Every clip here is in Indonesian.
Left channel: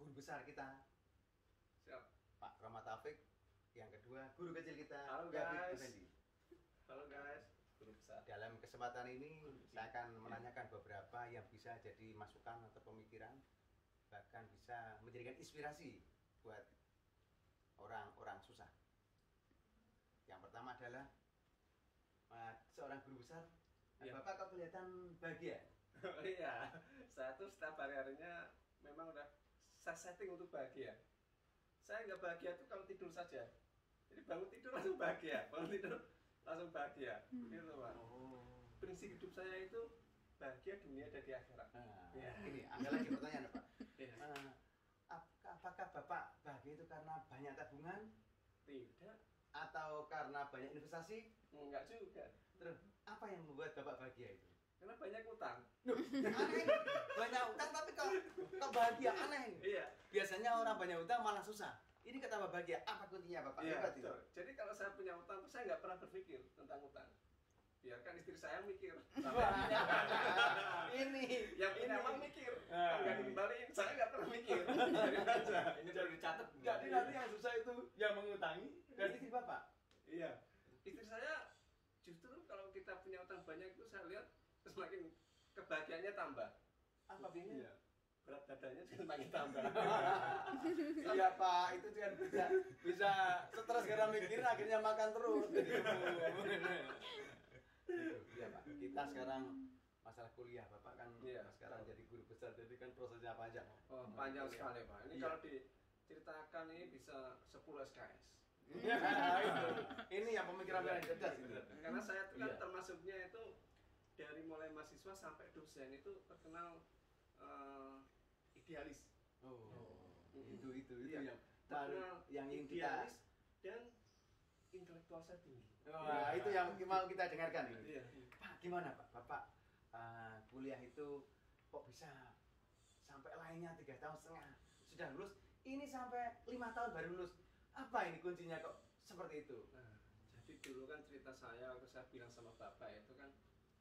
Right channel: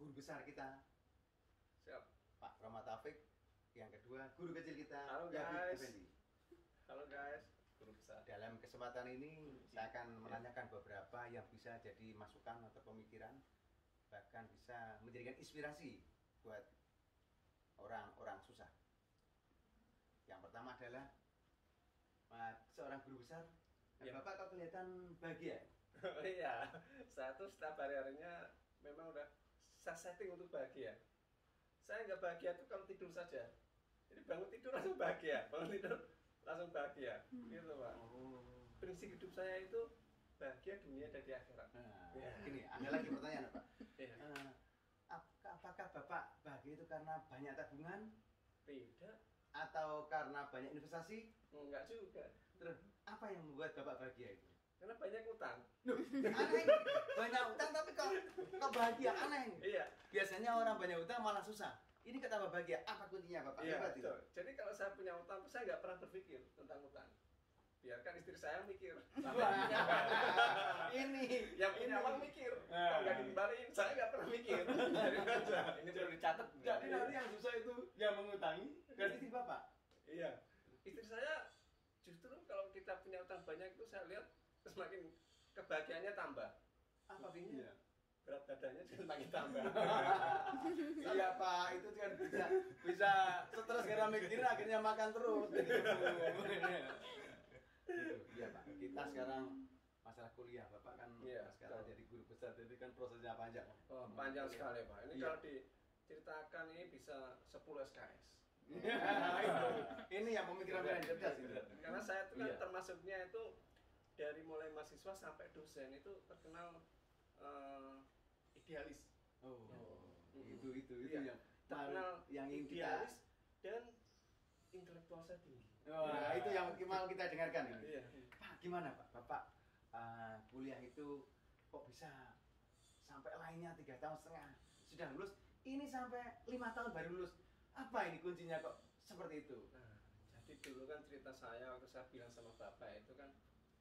guru besar kita. Siap. Pak Rahmat Taufik. Yang kedua, guru kecil kita. Halo Yafid guys. Effendi. Halo guys, guru besar. Dalam kesempatan ini saya akan menanyakan beberapa yang bisa jadi masukan atau pemikiran, bahkan bisa menjadikan inspirasi buat orang-orang susah. Yang pertama adalah seorang guru besar, Ya. Bapak kok kelihatan bahagia? Oh iya, saya tuh setiap hari-harinya memang udah saya setting untuk bahagia. Saya nggak bahagia tuh kalau tidur saja. Jadi bangun tidur langsung bahagia, bangun tidur langsung bahagia. Gitu Pak. Oh. Prinsip hidup saya itu bahagia dunia dan di akhirat. Nah, Ya. ini ada lagi pertanyaan Pak. Iya. Apakah Bapak bahagia itu karena banyak tabungan Tidak, atau karena banyak investasi? enggak juga. Terus apa yang membuat Bapak bahagia itu? Karena banyak utang. Duh, aneh. Banyak utang tapi kok bahagia, aneh. Iya. Biasanya orang banyak utang malah susah. Ini kata Bapak bahagia. Apa kuncinya Bapak? Iya, Hebat itu. betul. Jadi kalau saya punya utang, saya nggak pernah berpikir tentang utang. Biarkan istri saya mikir. Ini Yang punya uang mikir, kalau nggak dikembaliin, saya nggak pernah mikir. Ini perlu dicatat. Jadi nanti yang susah itu yang mengutangi dan istri Bapak. Iya, istri saya justru kalau kita punya utang banyak itu saya lihat semakin kebahagiaannya tambah. Apa bingung? Iya. Berat badannya semakin tambah. Iya Pak, itu kan bisa stres karena mikirin akhirnya makan terus. Iya Pak, kita sekarang masalah kuliah Bapak kan Iya, sekarang betul. jadi guru besar, jadi kan prosesnya panjang. Oh, panjang sekali Pak. Ini Iya. kalau diceritakan ini bisa 10 SKS. Ini yang pemikiran yang cerdas gitu. Karena saya itu kan Iya. termasuknya itu dari mulai mahasiswa sampai dosen itu terkenal idealis. Oh, Mm-mm. itu Iya. yang Terkenal yang ingin kita. idealis dan intelektual saya tinggi. Wah, itu yang mau kita dengarkan ini. Iya. Pak, gimana Pak? Bapak kuliah itu kok bisa sampai lainnya 3,5 tahun sudah lulus, ini sampai 5 tahun baru lulus. Apa ini kuncinya kok seperti itu? Nah, jadi dulu kan cerita saya waktu saya bilang sama bapak itu kan,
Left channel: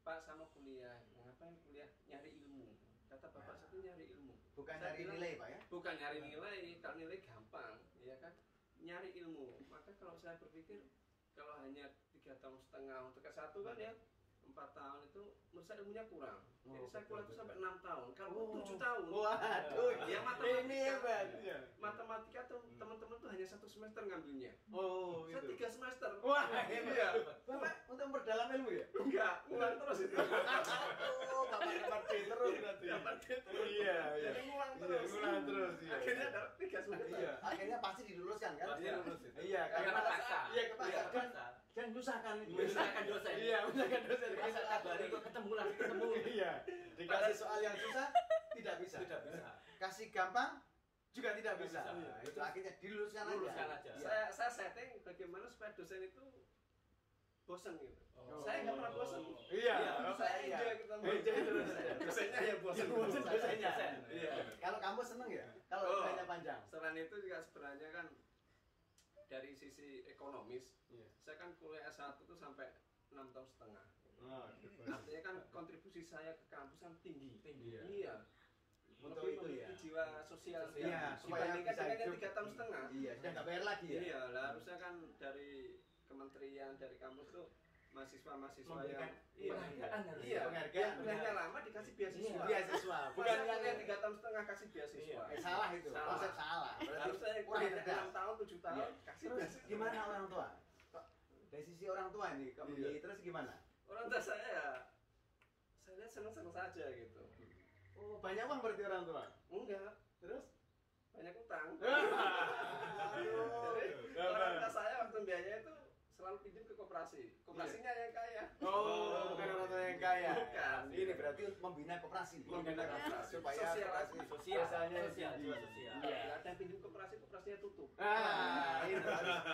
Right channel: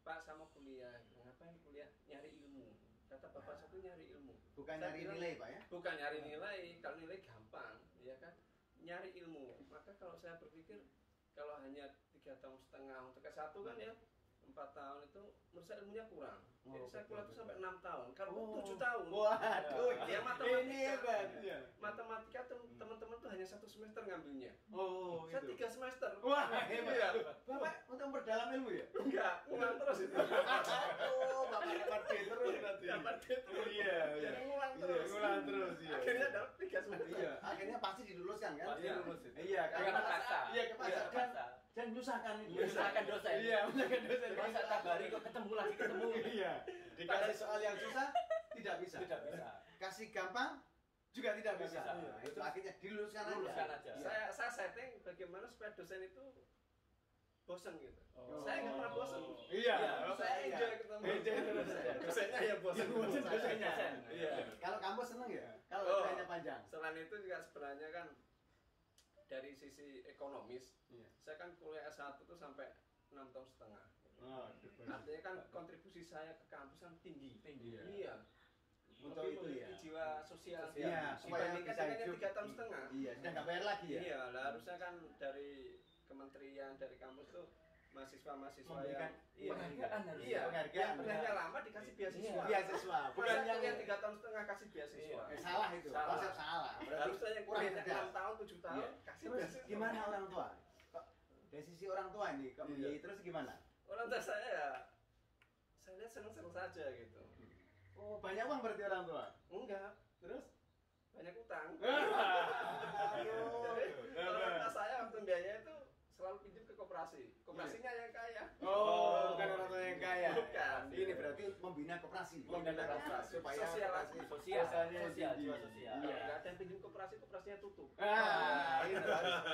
Pak sama kuliah, ngapain kuliah? Nyari ilmu. Kata bapak saya tuh nyari ilmu. Bukan Saya nyari bilang, nilai Pak ya? Bukan nyari nilai, kalau nilai gampang, ya kan? Nyari ilmu. Maka kalau saya berpikir kalau hanya 3,5 tahun untuk S1 kan ya 4 tahun itu menurut saya ilmunya kurang. Jadi Oh, saya kuliah itu betul. sampai 6 tahun. Kalau 7 tahun. Waduh, Ya matematika. ini hebat. Iya. Matematika tuh teman-teman tuh hanya 1 semester ngambilnya. Oh, Saya itu. 3 semester. Wah, Iya. Bapak untuk memperdalam ilmu ya? Enggak, ngulang terus itu. Oh, Bapak dapat D terus berarti. Dapat D terus. Iya, iya. Jadi ngulang Iya, terus. ngulang terus, iya. Akhirnya dapat 3 semester. Iya, akhirnya pasti diluluskan kan? Pasti lulus itu. Iya, Karena paksa. Iya, kepaksa. Iya, Dan, kepaksa. dan menyusahkan. Menyusahkan dosen. Iya, menyusahkan dosen. Masa tiap hari kok ketemu lagi ketemu. Iya. Dikasih soal yang susah tidak bisa. Tidak bisa. Kasih gampang juga tidak Tidak bisa. bisa. Nah, itu akhirnya diluluskan Luluskan aja. Iya. Saya setting bagaimana supaya dosen itu bosan gitu. Oh. Saya nggak pernah bosan. Iya. Saya Iya. enjoy ketemu. Enjoy terus. Dosennya ya bosan. Iya, bosan dosennya. Dosen. Iya. Kalau kampus seneng ya? Kalau Oh, nilainya panjang. Selain itu juga sebenarnya kan dari sisi ekonomis, Iya. saya kan kuliah S1 tuh sampai 6,5 tahun. Oh, Artinya kan kontribusi saya ke kampus kan tinggi. Tinggi, ya. Iya. Untuk Lebih itu ya. memiliki jiwa sosial. Iya, supaya Dibandingkan bisa dengan yang hidup. 3,5 tahun. Iya, sudah nggak bayar lagi ya? Iya, lah harusnya kan dari kementerian, dari kampus tuh mahasiswa-mahasiswa Memberikan yang penghargaan harusnya. iya, Penghargaan, yang kuliahnya benar. lama dikasih beasiswa. Iya, beasiswa. Bukan Bukan yang yang 3,5 tahun kasih beasiswa. Iya. salah itu. Salah. Konsep salah. Berarti Harusnya yang kurang kuliah cerdas. 6 tahun, 7 tahun Iya. kasih Terus beasiswa. gimana orang tua? Kok dari sisi orang tua ini kok Iya. membiayai terus gimana? Orang tua saya ya saya lihat seneng-seneng saja gitu. Oh, banyak uang berarti orang tua. Enggak, Terus? banyak utang. Aduh. Jadi orang tua saya waktu biaya itu selalu pinjam ke koperasi. Koperasinya yang kaya. Oh, bukan orang tua yang kaya. Bukan. Ini berarti membina koperasi. Membina koperasi. supaya Sosial. koperasi Sosial. sosialnya Sosial, tinggi. jiwa sosial. Iya. Enggak ada yang pinjam koperasi, koperasinya tutup. Itu terus.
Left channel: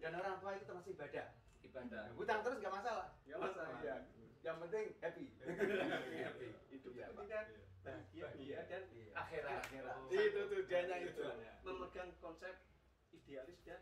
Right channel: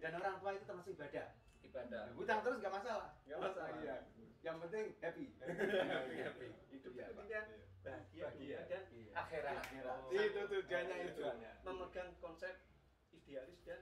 Dan orang tua itu termasuk ibadah. Ibadah. Hutang terus nggak masalah. Nggak masalah. Iya. Yang penting happy. Happy. Hidup Iya, itu Pak. kan bahagia dunia dan Iya. akhirat. Akhirat. Oh. Itu tujuannya itu. Tujuannya. Memegang konsep idealis dan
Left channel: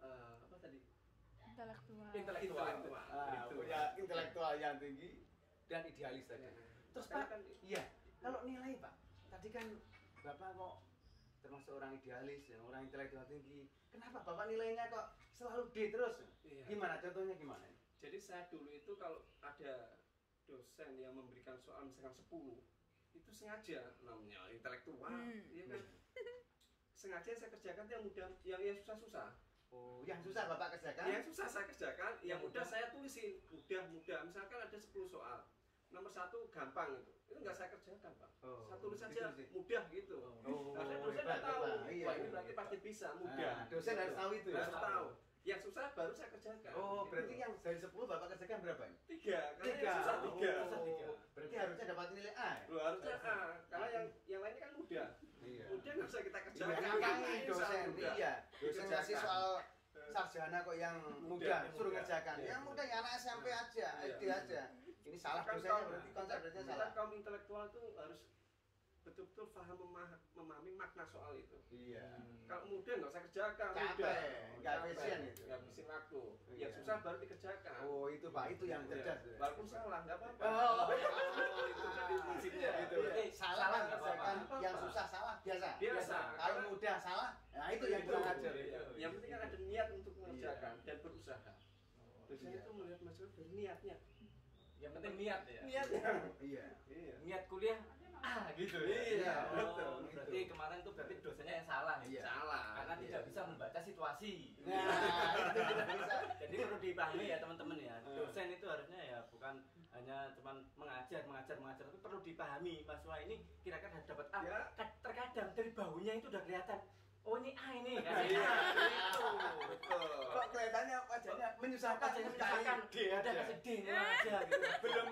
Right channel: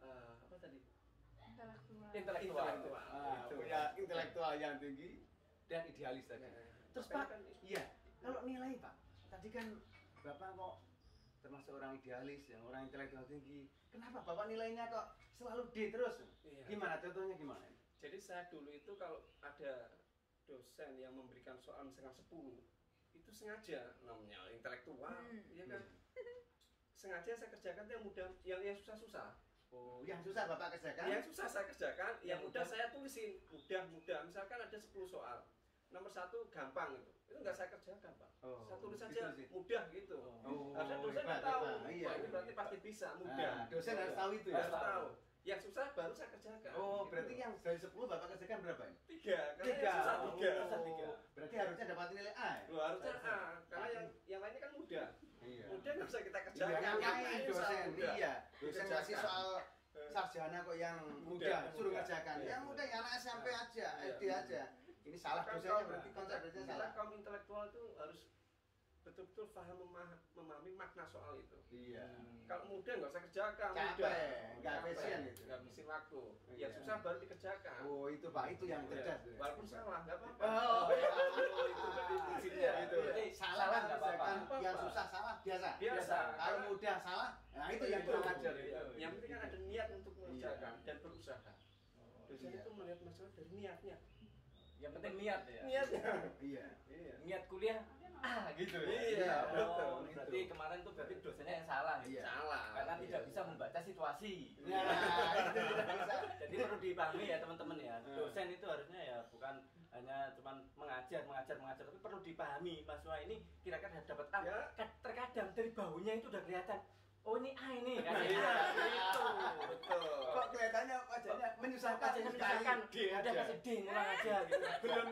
apa tadi? Intelektual. Intelektual. Ah, Itu. punya intelektual yang tinggi dan idealis tadi. Ya. Terus Makanya Pak, kan iya. Kalau nilai Pak, tadi kan Bapak kok termasuk orang idealis, yang orang intelektual tinggi. Kenapa Bapak nilainya kok selalu D terus? Iya. Gimana contohnya gimana? Jadi saya dulu itu kalau ada dosen yang memberikan soal misalkan 10, itu sengaja namanya intelektual, ya kan? Sengaja saya kerjakan yang mudah, yang susah-susah. Oh, yang susah Bapak kerjakan? Yang susah saya kerjakan, yang mudah saya tulisin. Mudah. Misalkan ada 10 soal. Nomor 1 gampang itu nggak saya kerjakan Pak. Oh, saya tulis gitu saja sih. mudah gitu. Oh, Karena dosen hebat, nggak tahu, hebat. Iya, wah ini iya, berarti iya. pasti bisa mudah. Nah, dosen harus tahu itu ya? Harus tahu. Yang susah baru saya kerjakan. Oh, gitu. berarti yang dari 10 Bapak kerjakan berapa ini? 3, karena yang susah 3. Oh, berarti harusnya dapat nilai A ya? Loh, harusnya A, karena yang lainnya kan mudah. Iya. Mudah nggak usah kita Iya, kerjakan. ngapain dosen? Mudah. Iya, dosen ngasih Dikerjakan. soal sarjana kok yang mudah, suruh ngerjakan. Iya, yang mudah yang anak SMP aja, Iya. SD aja. Ini salah Kan dosennya kaum- berarti konsepnya kita salah. kaum intelektual itu harus betul-betul paham memahami makna soal itu. Iya. Kalau mudah nggak usah kerjakan, Capek, mudah. nggak Capek, efisien itu. nggak habisin waktu. Iya. Yang susah baru dikerjakan. Oh, itu Pak, itu yang Iya. cerdas. Walaupun salah, nggak apa-apa. Oh, itu jadi prinsipnya. Iya, itu. iya. Salah Salah nggak nggak apa-apa. apa-apa. Nggak Yang apa-apa. susah salah biasa. Biasa. Kalau mudah salah, nah itu yang kurang ajar. Iya. Yang penting kan ada niat untuk mengerjakan Iya. dan berusaha. Dosen Iya. itu melihat masalah dari niatnya. Yang penting niat ya. Niatnya. Iya. Iya. Niat kuliah gitu ya. Iya, Oh, betul. berarti kemarin tuh berarti dosennya yang salah ya. Iya. Salah. Karena Iya. tidak bisa membaca situasi. Nah, itu tidak bisa. Jadi perlu dipahami ya teman-teman ya. Hmm. Dosen itu harusnya ya bukan hanya cuman mengajar, tapi perlu dipahami mahasiswa ini kira-kira dapat A. Ya. Terkadang dari baunya itu udah kelihatan. Oh ini A ini kasih Iya, A gitu. Betul. Kok kelihatannya wajahnya menyusahkan Wajahnya sekali. misalkan D udah aja. kasih D ngulang aja gitu.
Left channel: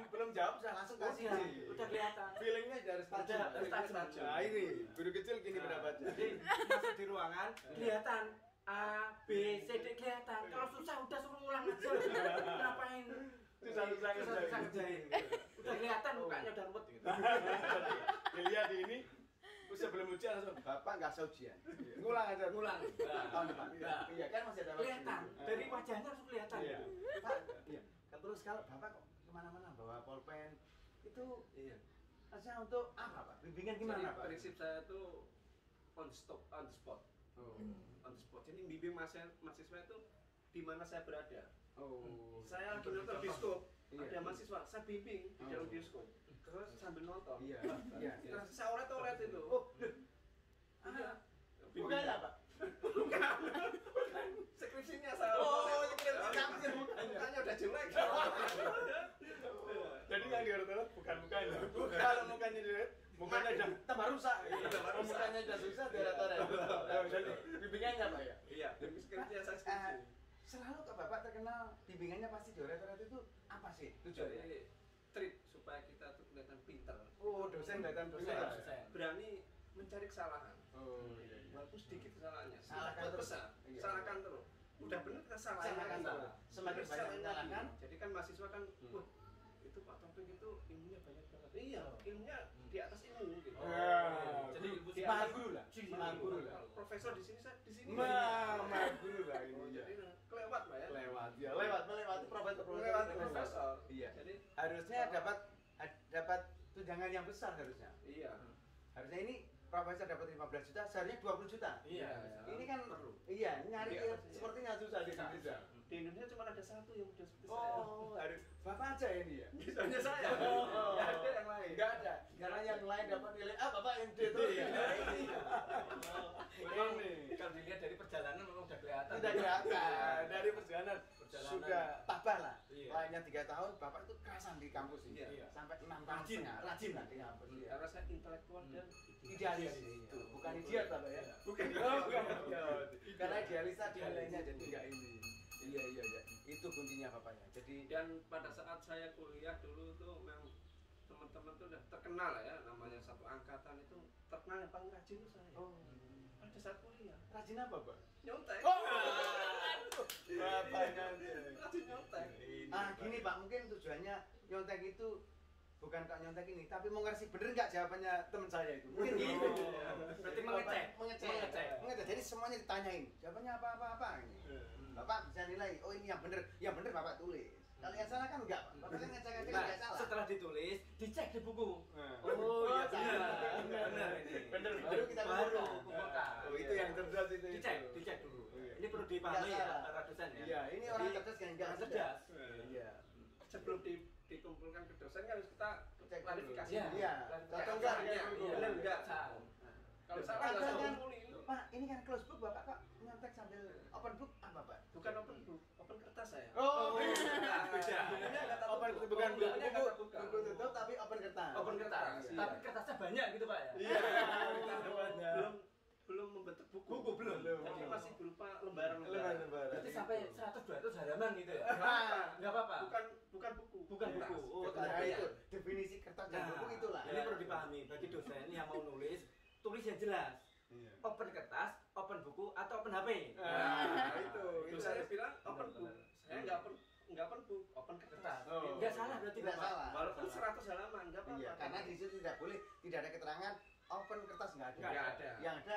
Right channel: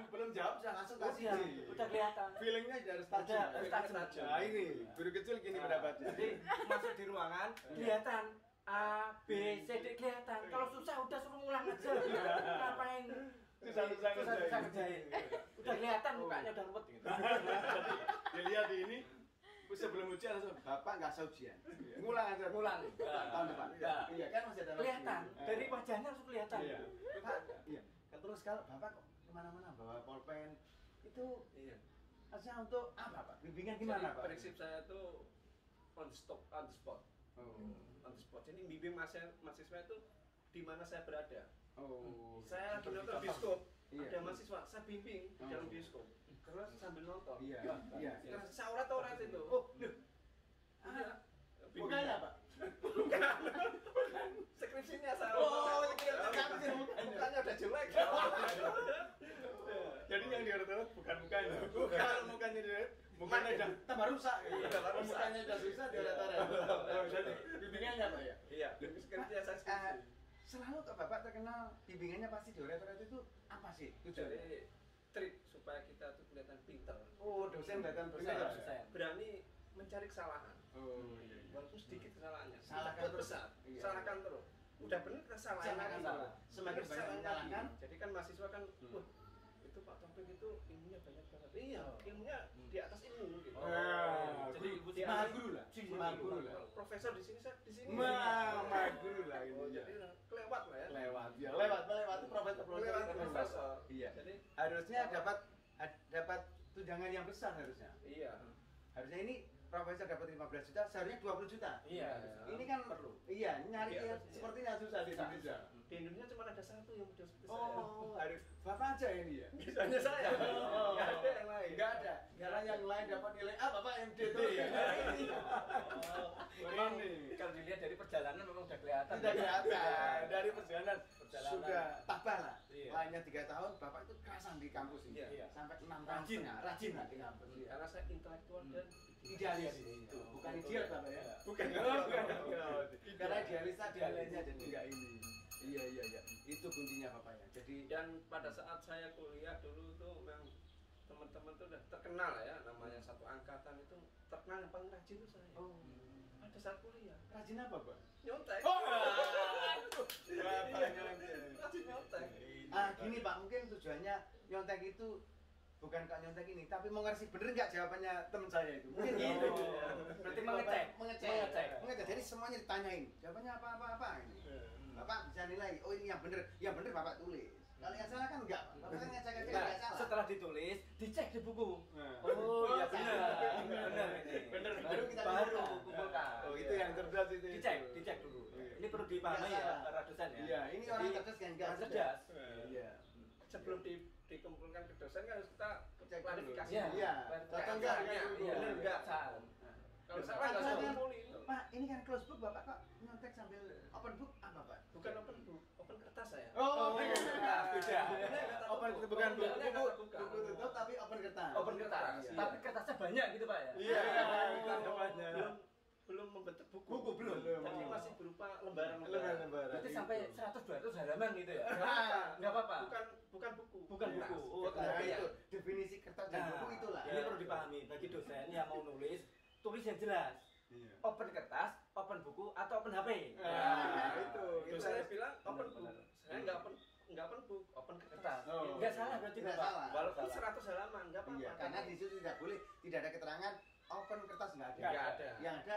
Belum jawab sudah langsung kasih Udah, D. udah kelihatan. Feelingnya harus tajam. Harus tajam. Nah ini guru kecil gini pendapatnya. Jadi masuk di ruangan kelihatan A, B, C, D kelihatan. Kalau susah udah suruh ngulang aja. Ngapain? Susah-susah ngerjain. Udah kelihatan mukanya udah ruwet gitu. Dilihat di ini sebelum ujian langsung Bapak nggak usah ujian. Ngulang aja. Ngulang. Tahun depan. Enggak. Iya kan masih ada waktu. Kelihatan dari wajahnya langsung kelihatan. Iya. Pak, iya. Kan terus kalau Bapak kok kemana-mana bawa pulpen itu Iya. aja untuk apa Pak? Bimbingan Jadi gimana Pak? prinsip saya tuh on the spot. Oh. On the spot. Jadi bimbing mahasiswa itu di mana saya berada. Oh. Saya lagi nonton bioskop, Iya. ada mahasiswa, saya bimbing di dalam bioskop. Terus sambil nonton. Iya. Iya. Terus saya oret itu. Oh, loh. Iya. Bukannya Pak? Skripsinya saya. Oh, oret. skripsinya bukannya. Mukanya udah jelek. Jadi yang diurut-urut bukan mukanya. Kalau mukanya diurut, mukanya udah tambah rusak. Iya, tambah rusak. Mukanya udah susah diurut-urut. Oh, jadi bimbingannya Pak ya? Iya, skripsinya saya skripsi. Selalu kok Bapak terkenal bimbingannya pasti diurut-urut itu apa sih tujuannya? Jadi trik supaya kita tuh kelihatan pinter. Oh, dosen kelihatan Dosen, pintar. dosen. Berani mencari kesalahan. Oh, Walaupun sedikit kesalahannya. Salahkan Buat terus. besar. Iya. Salahkan terus. Udah bener kita salahin Salahkan lagi. salah. Semakin Terus banyak salahin menyalahkan. lagi. Jadi kan mahasiswa kan, wah itu Pak Taufik itu ilmunya banyak banget. Iya, ilmunya di atas ilmu gitu. Nah, Jadi ilmu di maha atas- guru lah. Si Maha guru lah. Kalau profesor di sini, saya di sini. Maha guru lah Oh, ini. jadi kelewat lah ya. Lewat, ya lewat melewati profesor. Kelewat profesor. Iya. Jadi Harusnya dapat tunjangan yang besar harusnya. iya. Harusnya ini profesor dapat 15 juta, seharusnya 20 juta. Iya. Ini kan perlu. iya, nyari Iya, sepertinya susah di Indonesia. Di Indonesia cuma ada satu yang model seperti saya. Oh, harus Bapak aja ini ya. Misalnya saya. Oh. Nggak ada yang lain. Enggak ada. Karena yang lain dapat nilai A, Bapak yang D terus. Iya. Nah, ini. Memang nih. Kalau dilihat dari perjalanan memang udah kelihatan. Sudah kelihatan dari perjalanan Perjalanan. sudah tabah lah. Iya. Lainnya 3 tahun, Bapak itu kerasan di kampus ini. Iya. Sampai 6 tahun Rajin. setengah. Rajin lah di kampus. Iya. Karena saya intelektual dan Idealis itu, bukan idiot Bapak ya. Bukan. Oh, bukan. Karena idealis tadi nilainya jadi enggak ini. Iya. Itu kuncinya Bapak ya. Jadi Dan pada saat saya kuliah dulu tuh memang teman-teman tuh udah terkenal lah ya, namanya satu angkatan itu terkenal yang paling rajin tuh saya. oh, Pada saat kuliah rajin apa, Pak? nyontek. Oh, Bapak nyontek. Rajin nyontek. Ah, gini Pak, mungkin tujuannya nyontek itu bukan kak nyontek ini, tapi mau ngasih bener nggak jawabannya teman saya itu. Mungkin Oh. gitu. Berarti mengecek. Mengecek. Jadi semuanya ditanyain, jawabannya apa ini. Bapak bisa nilai, oh ini yang bener Bapak tulis. Kalau yang salah kan enggak, Bapak kan ngecek-ngecek Nah, enggak salah. setelah ditulis, dicek di buku. Nah. Oh iya salah. benar. Benar ini. Bener, baru dipahami Nggak ya salah. para dosen ya. Iya, ini orang Jadi, cerdas yang enggak orang cerdas. Iya. Sebelum dikumpulkan ke dosen kan harus kita Cek klarifikasi. Iya. Iya. Klarifikasi. Cocok enggak? Iya, Iya. benar enggak? Salah. Kalau salah Padahal nggak usah kan, kumpulin. Pak, ini kan close book, Bapak kok nyontek sambil open book apa, Pak? Bukan open book, open kertas saya. Oh, beda. Bukunya nggak tak Open tutup. itu bukan Bukunya buku, nggak tak tutup. buku tutup tapi open kertas. Open kertas. Iya. Tapi kertasnya banyak gitu Pak ya. Iya. Belum membentuk buku. Buku belum. Tapi masih berupa lembaran-lembaran. Lembaran-lembaran. Berarti sampai 100-200 halaman gitu ya. Enggak apa-apa. Bukan buku. Bukan buku. Oh, Nah, iya. itu definisi kertas dan buku itulah. Ini perlu dipahami bagi dosen yang mau nulis, tulis yang jelas. Iya. Open kertas, open buku, atau open HP. Nah, itu Saya bilang open book. Benar. Saya nggak open book, open kertas. Oh. Enggak salah berarti Tidak Bapak. salah. Walaupun Salah. 100 halaman nggak apa-apa. Iya, karena di situ tidak boleh, tidak ada keterangan open kertas nggak ada. Nggak ada. Yang ada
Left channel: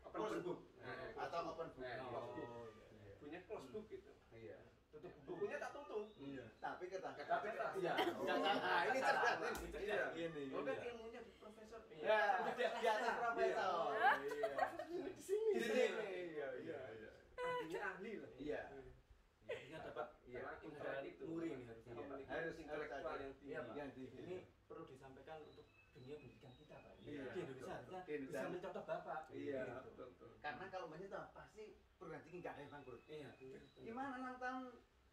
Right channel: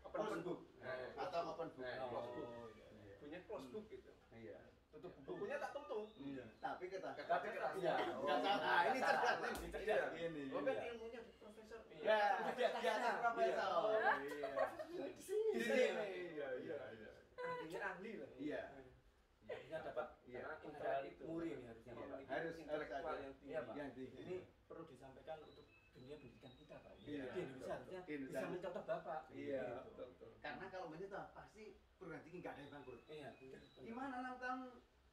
open close book Nah, atau open book. Nah, close book. Oh, iya. punya close book gitu. Iya. Tutup bukunya tak tutup. Iya. Tapi kertas. Tapi kertas. Iya. Oh, Nggak salah. Nah, ini nggak cerdas. salah. Ini Cerdas. Ini. Oh, kan Iya. ilmunya di profesor. Ya, Udah di atas profesor. Iya. Iya. Profesor di sini. Di sini. Iya, iya, iya. Ahlinya ahli lah. Iya. Ini dapat Iya. Karena pengetahuan intelek itu. muri nih harusnya Iya, Bapak. Harus intelektual ada. yang tinggi. Iya, Pak. Yang tinggi. Ini perlu disampaikan untuk dunia pendidikan kita Pak. Iya. Di Indonesia harusnya Di Indonesia. bisa mencontoh Bapak. Iya. Betul, betul. Karena kalau begitu pasti perguruan tinggi nggak ada yang bangkrut. Iya. Gimana 6 tahun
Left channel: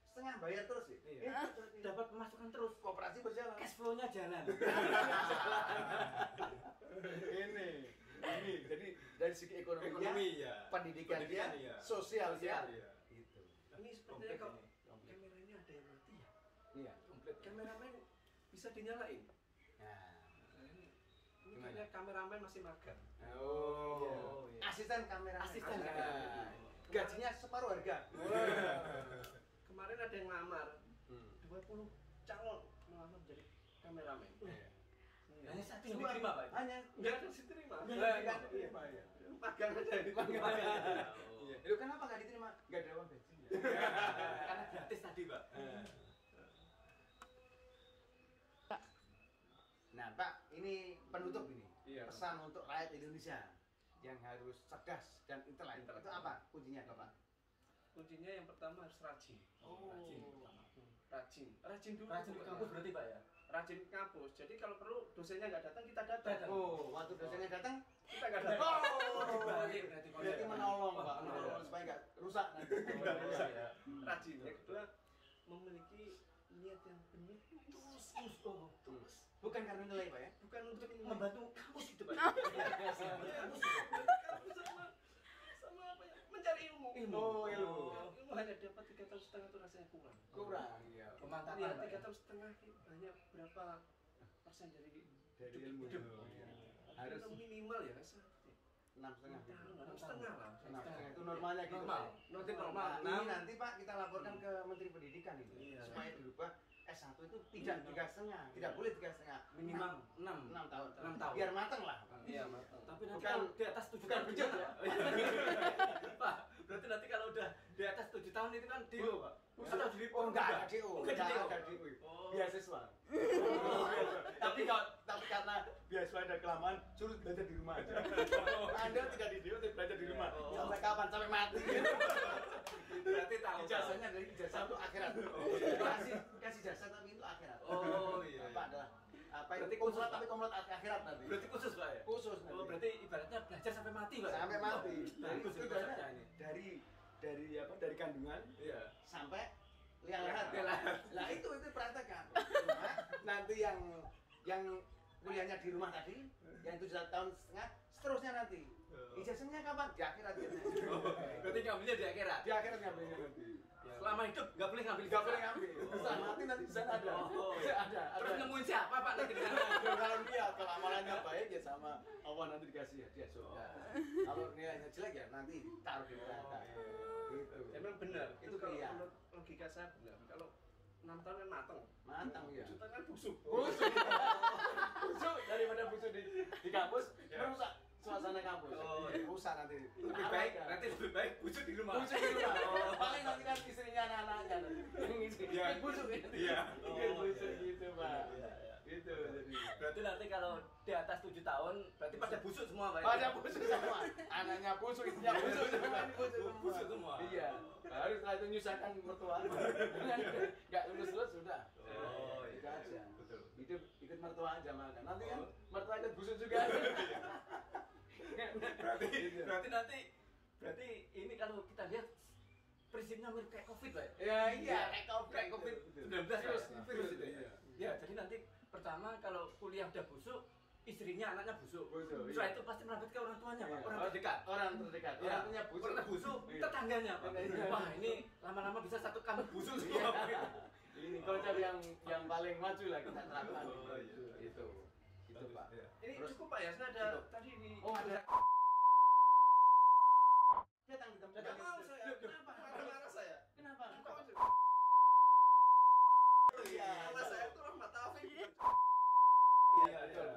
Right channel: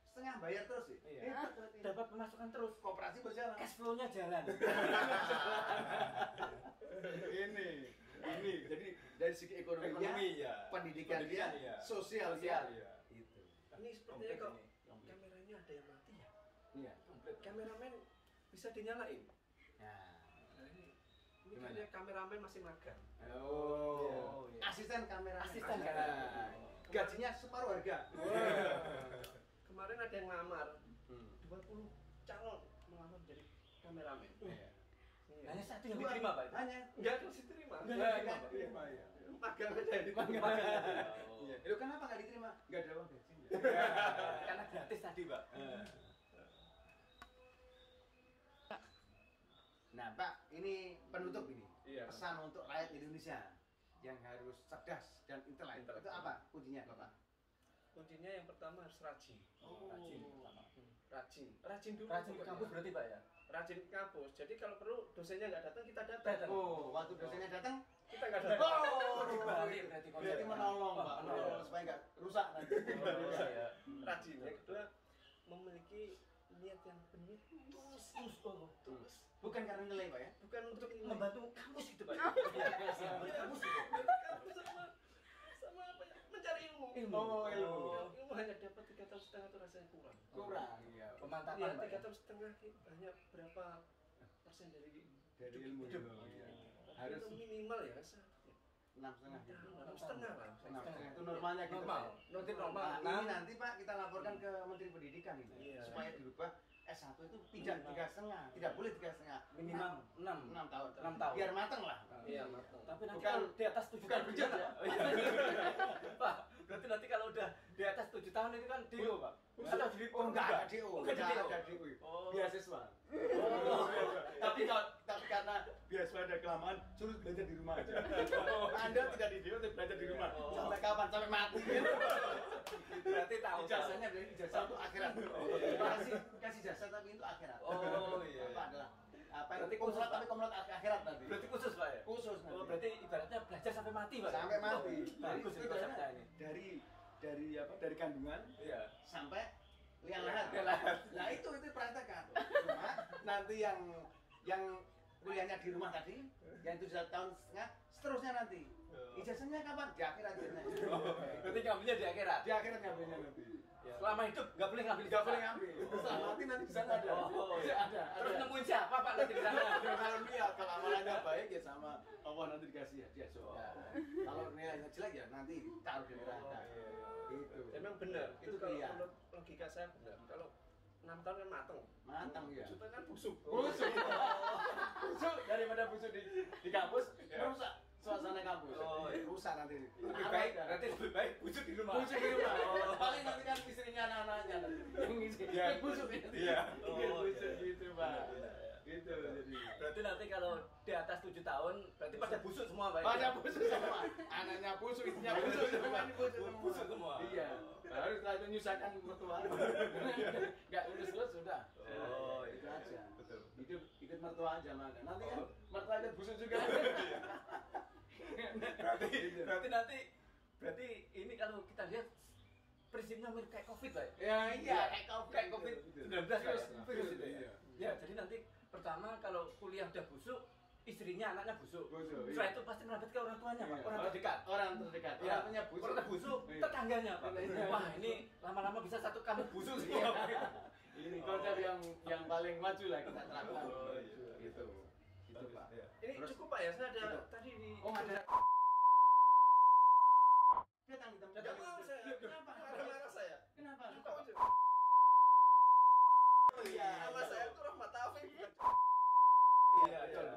setengah bayar terus sih? Iya. Itu Dapat pemasukan terus, koperasi berjalan. cash flow-nya jalan. ini jadi dari segi ekonominya, ya. pendidikannya, iya. sosialnya, iya. itu. Ini sepertinya kok kameranya ada yang mati ya. Iya. Komplit. Kameramen bisa dinyalain. Nah. Nah, ini Gimana? kayaknya kameramen masih magang. Oh, iya. asisten kamera. Asisten Nah, kamera. gajinya separuh harga. Kemarin ada yang ngelamar Hmm. 20 calon melamar jadi kameramen. Iya. Hanya satu yang diterima Pak. Hanya Enggak ada sih terima. nggak diterima ya. Magang aja diterima. Iya. Itu kenapa nggak diterima? Nggak ada uang gajinya. Karena gratis tadi Pak. Nah, Pak, ini penutup ini. Iya. Pesan untuk rakyat Indonesia yang harus cerdas dan intelek. Intelek. Itu apa kuncinya, Bapak? Kuncinya yang pertama harus rajin. Rajin pertama. Rajin. Rajin dulu. Rajin ke pokoknya. kampus berarti Pak ya? Rajin ke kampus. Jadi kalau perlu dosennya nggak datang, kita datang. Datang. Oh, waktu dosennya datang, Kita nggak datang. Oh, dibalik berarti konsepnya. berarti menolong, Pak. Menolong. Menolong supaya nggak rusak nanti. Oh, iya. Rajin. Yang kedua memiliki niat yang benar tulus. Tulus. Bukan karena nilai, Pak ya. Bukan untuk ini. Membantu kampus gitu Pak. Kampus sama apa ya? Mencari ilmu. Ilmu. Oh, ilmu. Ilmu hanya dapat 3,5 tahun itu rasanya kurang. Kurang, iya. Pemantapan Iya, Pak. 3,5 tahun hanya berapa persen dari Dari ilmu. hidup. Iya. Harus Harus minimal ya, Mas. 6,5. 6,5 lah. Itu normalnya gitu. Normal. Pak. Nanti normal. Nah, ini nanti Pak kita laporkan ke Menteri Pendidikan ini Iya. supaya dirubah S1 itu tidak 3,5, tidak boleh 3,5. Minimal 6. 6 tahun. 6 tahun. Biar mateng lah. Iya, matang. Tapi nanti Bukan- kalau di atas 7 bukan tahun bejat gimana, ya? Pak? Pak, berarti nanti kalau udah di atas 7 tahun itu kan DO, Pak? Atau jadi Oh enggak ada DO, Enggak ada DO. ada DO. Oh. Beasiswa. Tapi karena beasiswa ada kelamaan, suruh belajar di rumah aja. Anda tidak di DO, tapi belajar di rumah. Oh. Sampai kapan? Sampai mati. Berarti tahu. Ijazahnya dari ijazah untuk akhirat. Kasih jasa tapi itu akhirat. Oh, iya. Apa adalah apa Berarti itu khusus, kumlot tapi Pak? kumlot akhirat nanti. Berarti khusus, Pak ya? Khusus nanti. Oh, berarti ibaratnya belajar sampai mati, Pak? Sampai mati. Oh, bagus Itu ini konsepnya ini. dari kandungan Iya. sampai liang lahat. Liang lahat. Nah itu praktekkan. Cuma nanti yang kuliahnya di rumah tadi, yang 7 tahun setengah, seterusnya nanti. Ijazahnya kapan? Di akhirat ijazahnya. Berarti ngambilnya di akhirat. Di akhirat ngambilnya nanti. Selama hidup nggak boleh ngambil Nggak boleh ijazah. ngambil. Setelah mati nanti di sana ada. Oh, iya. Ada. Terus nemuin siapa, Pak, nanti di sana? Kalau lihat kalau amalannya baik ya sama Allah nanti dikasih hadiah surga. Kalau nilainya jelek ya nanti ditaruh di neraka. Gitu. Memang benar. Itu kalau pilihan. menurut logika saya benar. Kalau 6 tahun kan mateng. Mantap ya. 7 tahun kan busuk. Busuk. Busuk daripada busuk di kampus merusak suasana kampus. Oh, iya. Rusak nanti. Nanti lebih baik busuk di rumah. busuk di rumah. Paling nanti kan istrinya anak-anaknya nanti. Iya. Yang busuk ya. Iya. Oh, busuk iya. gitu, Pak. Benar, benar. Gitu jadi. Berarti nanti kalau di atas atas 7 tahun berarti pada busuk semua Pak. Pada busuk semua. Anaknya busuk, ibunya busuk, semuanya Busuk semua. Iya. Baru setelah itu nyusahkan mertua. Enggak lulus sudah. Oh, Itu iya. aja. Betul. Ikut mertua aja makan. Nanti kan Oh. mertua ikut busuk juga. Berarti ini kalau kita lihat prinsipnya mirip kayak Covid Pak. Ya iya, Kayak COVID-19 Virus, virus itu iya. ya. Ya, jadi nanti pertama kalau kuliah udah busuk, istrinya anaknya busuk. Busuk, iya. Setelah itu pasti merambat ke orang tuanya, Pak. Orang terdekat. Orang terdekat. Ya, Orang punya busuk. Orang busuk, Iya. tetangganya, Pak. Iya. Wah, ini lama-lama bisa satu kampung busuk Iya. semua. Ini konsep yang paling maju lah kita terapkan. Oh, iya. Gitu. Gitu Pak. Iya. Ini Terus- cukup Pak ya, saya ada Itu. tadi di Oh ada. Datang kita. Nggak mau saya. Kenapa? Marah-marah saya. Kenapa? Oh iya. Nama saya tuh Rahmat Taufik. Iya, betul.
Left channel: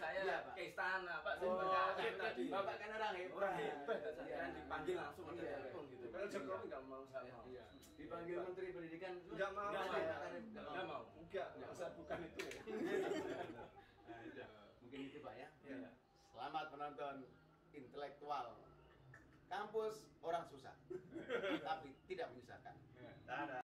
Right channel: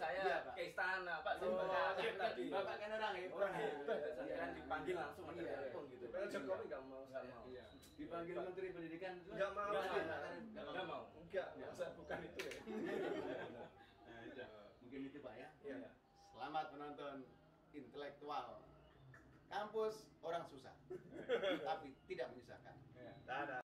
Saya Iya, Pak. ke istana, Pak. Saya Oh, kaget tadi. Bapak kan orang hebat. Orang hebat, saya Iya. kan dipanggil langsung ada Iya. telepon gitu. Pak Jokowi nggak mau Nggak saya. mau. Iya. Dipanggil Menteri Pendidikan. Nggak mau. Nggak saya. mau. Nggak mau. Enggak, saya bukan itu ya. Nah, itu. Mungkin itu Pak ya. Iya. Selamat menonton intelektual kampus orang susah, tapi tidak menyusahkan. Dadah.